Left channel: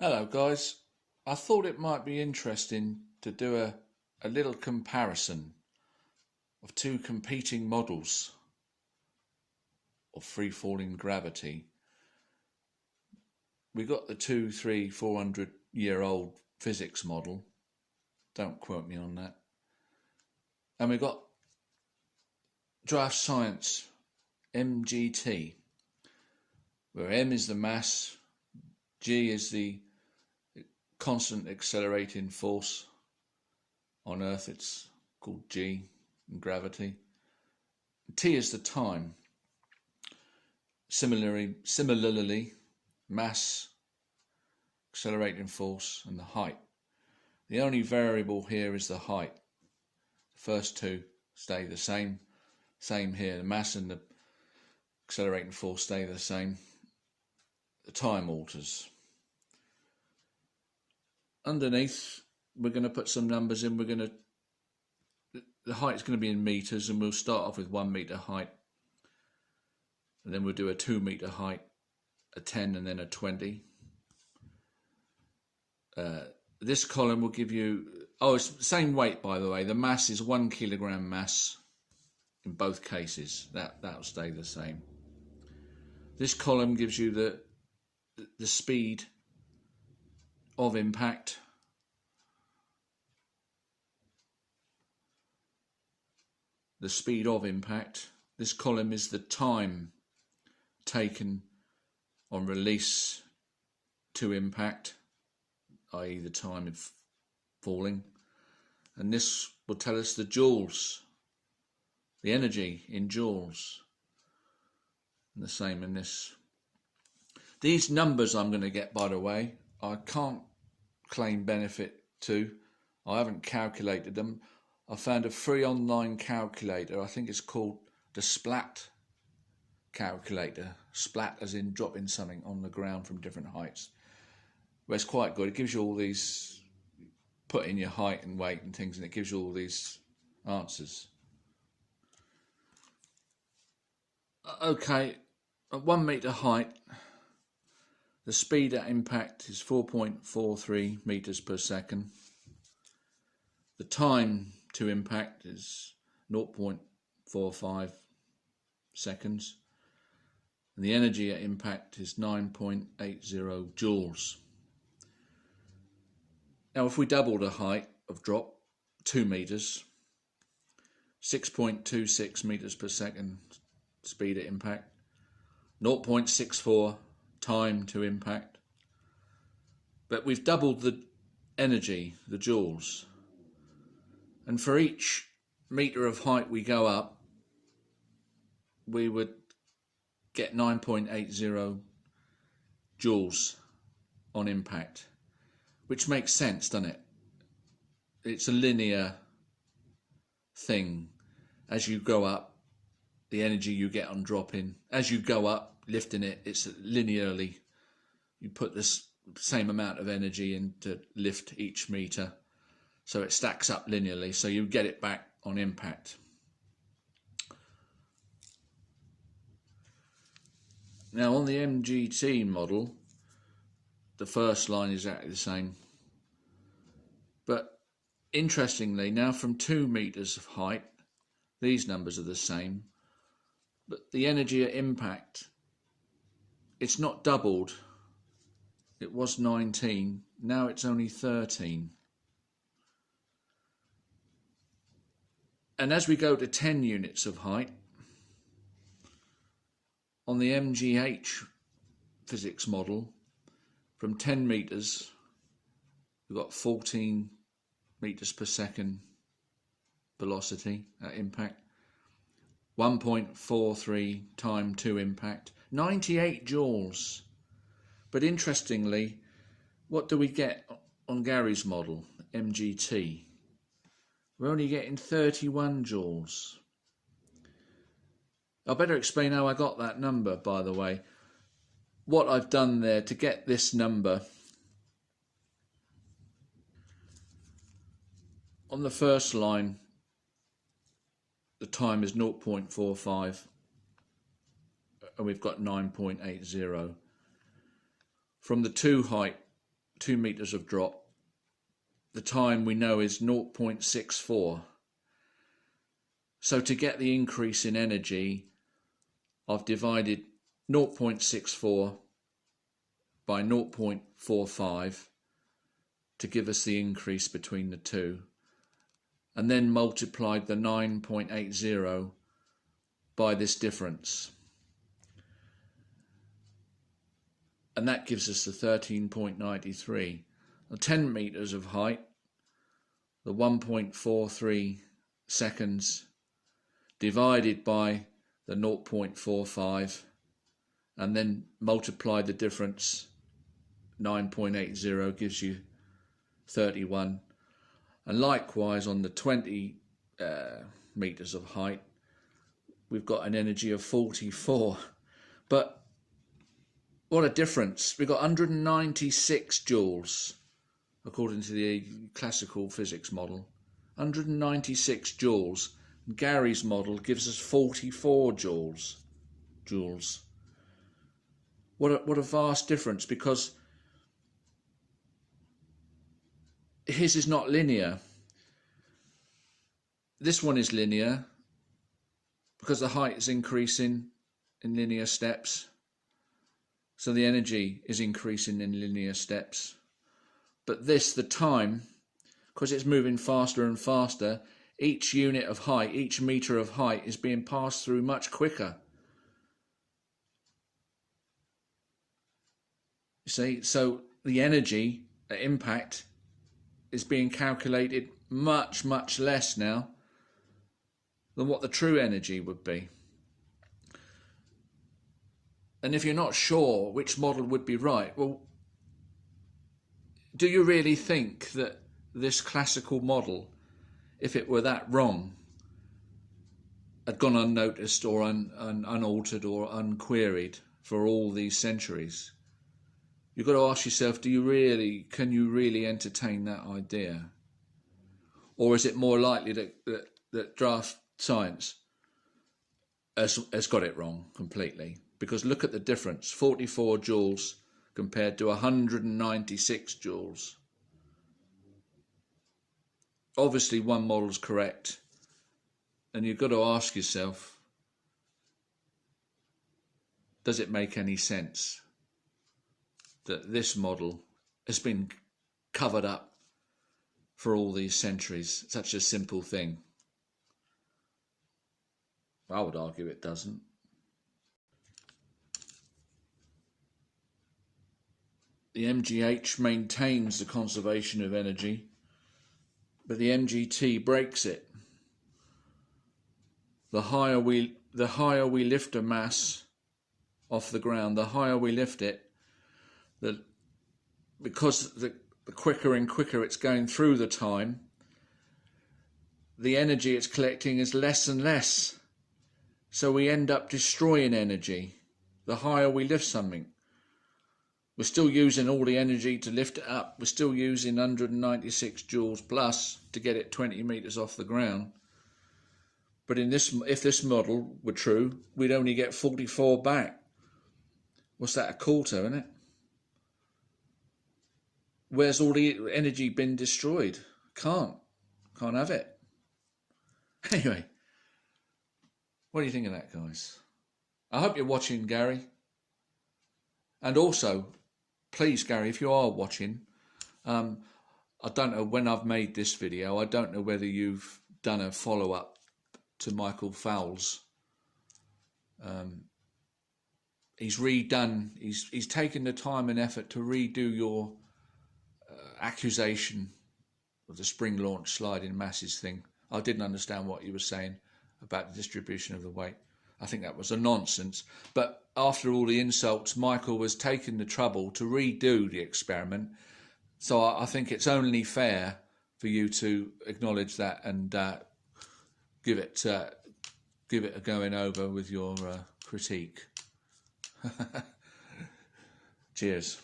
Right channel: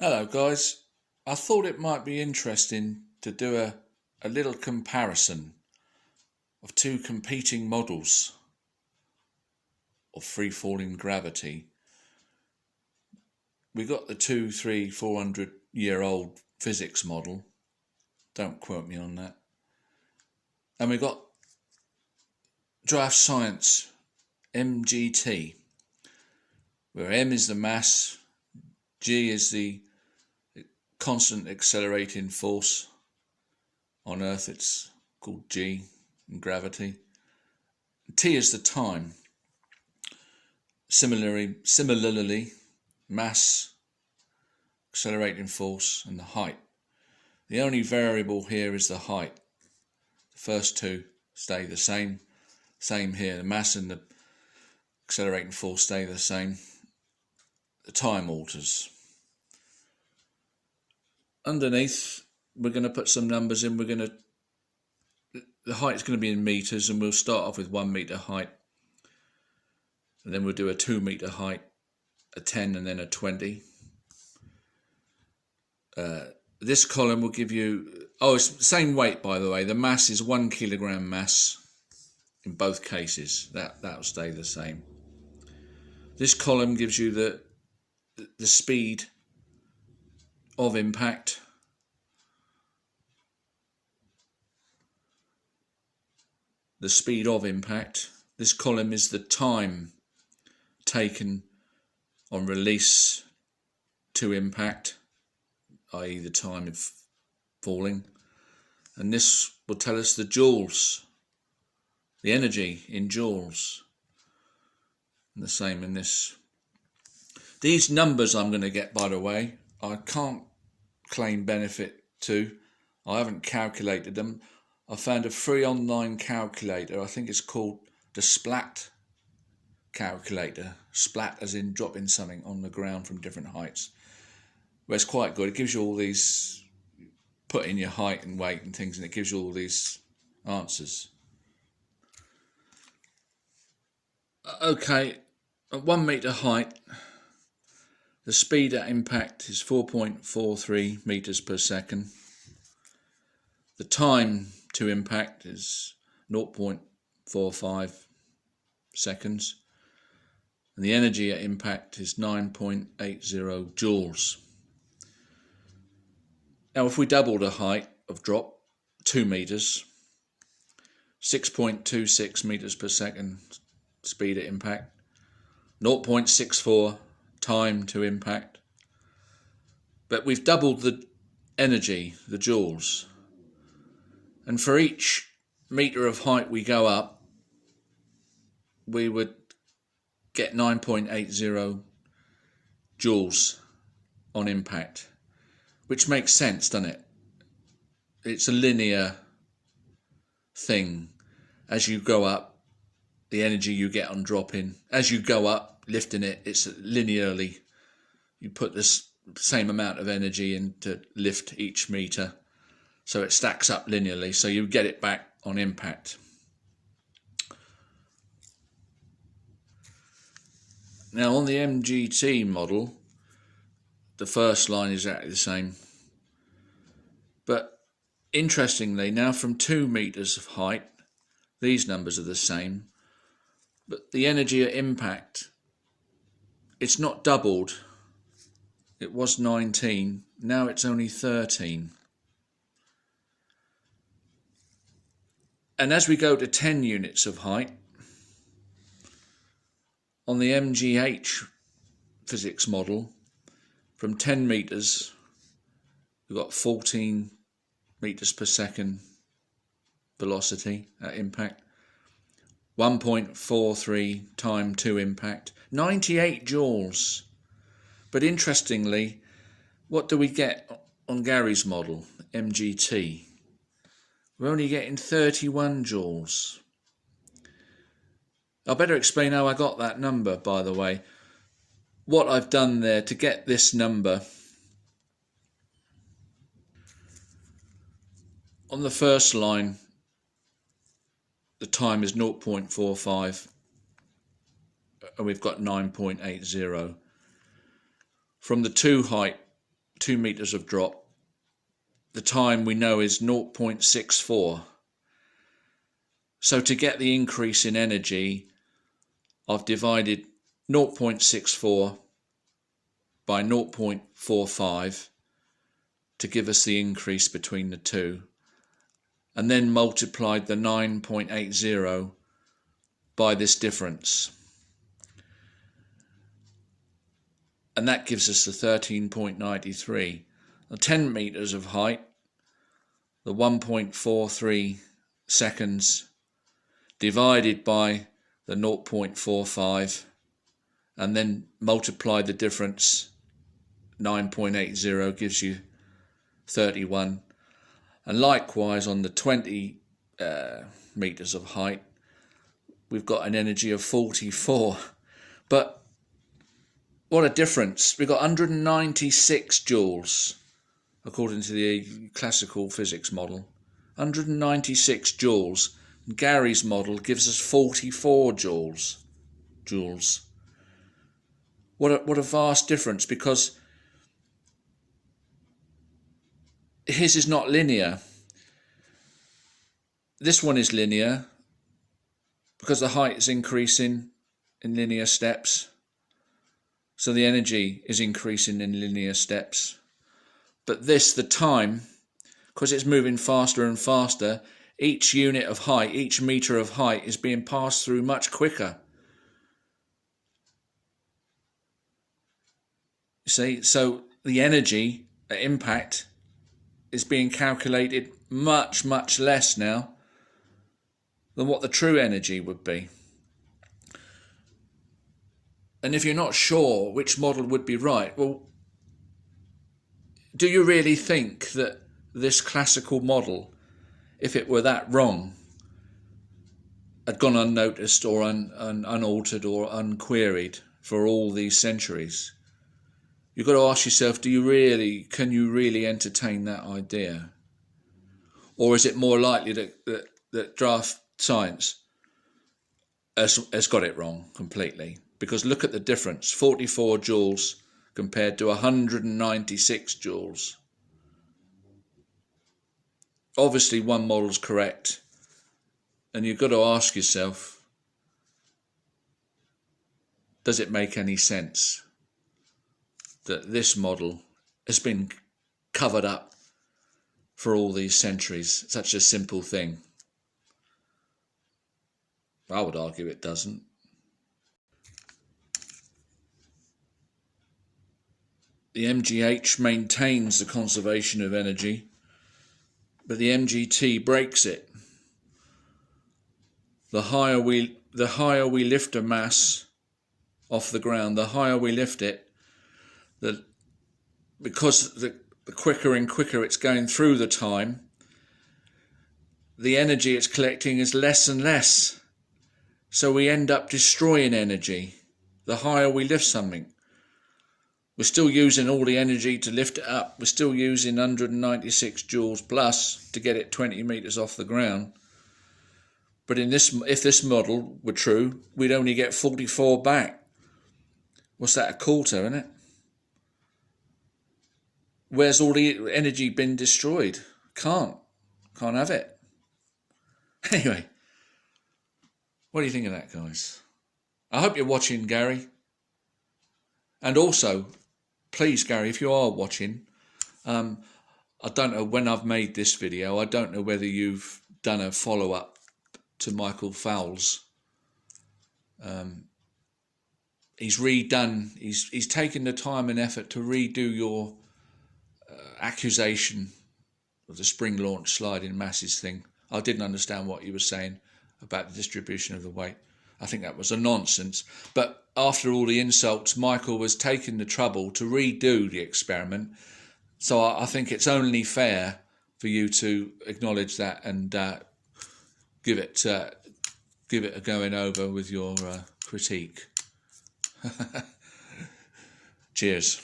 Hello guys, I thought it might be interesting to do a little comparison of two competing models of free-falling gravity. We got the 200, 300, 400-year-old physics model, don't quote me on that, and we got DraftScience MGT, where M is the mass, G is the constant accelerating force. On Earth it's called G in gravity. T is the time. Similarly, mass, accelerating force and the height. The only variable here is the height. The first two stay the same. Same here, the mass and the accelerating force stay the same. The time alters. Underneath, we're going to put some numbers in. The height is going to be in meters, and we'll start off with 1 meter height, and then we'll do a 2 meter height, a 10, and then a 20. This column will give you, it's the same weight, by the way. The mass is 1 kilogram mass in both cases. That'll stay the same. This column gives you the speed of impact. The speed of impact. This column is the time taken on release to impact, i.e. the time of falling. And this will tell us the joules, the energy in joules. And the same in this. These numbers I'm going to get, by the way, I can't claim benefit to. I haven't calculated them. I found a free online calculator. I think it's called the Splat calculator. Splat as in dropping something on the ground from different heights. Well, it's quite good. It gives you all these, put in your height and weight and things, and it gives you all these answers. Okay, at 1 meter height, the speed at impact is 4.43 meters per second. The time to impact is 0.45 seconds. And the energy at impact is 9.80 joules. Now, if we double the height of drop, 2 meters, 6.26 meters per second speed at impact, 0.64 time to impact, but we've doubled the energy, the joules, and for each meter of height we go up, we would get 9.80 joules on impact, which makes sense, doesn't it? It's a linear thing. As you go up, the energy you get on dropping, as you go up, lifting it, it's linearly. You put this same amount of energy in to lift each meter, so it stacks up linearly, so you get it back on impact. Now on the MGT model, the first line is exactly the same, but interestingly, now from 2 meters of height, these numbers are the same, but the energy at impact, it's not doubled. It was 19, now it's only 13. And as we go to 10 units of height, on the MGH physics model, from 10 meters, we've got 14 meters per second velocity at impact, 1.43 time to impact, 98 joules. But interestingly, what do we get on Gary's model, MGT? We're only getting 31 joules. I better explain how I got that number, by the way. What I've done there to get this number, on the first line, the time is 0.45 and we've got 9.80. From the 2 height 2 meters of drop. The time we know is 0.64. So to get the increase in energy, I've divided 0.64 by 0.45 to give us the increase between the two, and then multiplied the 9.80 by this difference. And that gives us the 13.93. The 10 meters of height, the 1.43 seconds divided by the 0.45, and then multiply the difference, 9.80 gives you 31. And likewise on the 20 meters of height, we've got an energy of 44. But what a difference. We've got 196 joules according to the classical physics model. 196 joules. Gary's model gives us 44 joules. What a vast difference, because his is not linear. This one is linear because the height is increasing in linear steps. So the energy is increasing in linear steps. But this, the time, because it's moving faster and faster, each unit of height, each meter of height is being passed through much quicker. You see, so the energy at impact is being calculated much, much less now than what the true energy would be. And if you're not sure which model would be right, well, do you really think that this classical model, if it were that wrong, had gone unnoticed or unaltered or unqueried for all these centuries? You've got to ask yourself, can you really entertain that idea? Or is it more likely that DraftScience has got it wrong completely? Because look at the difference, 44 joules compared to 196 joules. Obviously one model's correct, and you've got to ask yourself, does it make any sense that this model has been covered up for all these centuries? Such a simple thing. I would argue it doesn't. The MGH maintains the conservation of energy, but the MGT breaks it. The higher we lift a mass off the ground, the higher we lift it, because the quicker and quicker it's going through the time, the energy it's collecting is less and less. So we end up destroying energy the higher we lift something. We're still using all the energy to lift it up. We're still using 196 joules plus to get it 20 meters off the ground. But if this model were true, we'd only get 44 back. What's that, a quarter, isn't it? Where's all the energy been destroyed? Can't have it. Anyway, what do you think of that, guys? I hope you're watching, Gary. And also, please, Gary, if you are watching, I don't know when I've made this video. I don't know whether you've done a follow-up to Michael Fowles. He's redone, he's taken the time and effort to redo your accusation of the spring launch sliding masses thing. I didn't understand what you were saying about the distribution of the weight. I think that was a nonsense. But after all the insults, Michael was taking the trouble to redo the experiment. So I think it's only fair for you to acknowledge that and give it a going over with your critique. Cheers.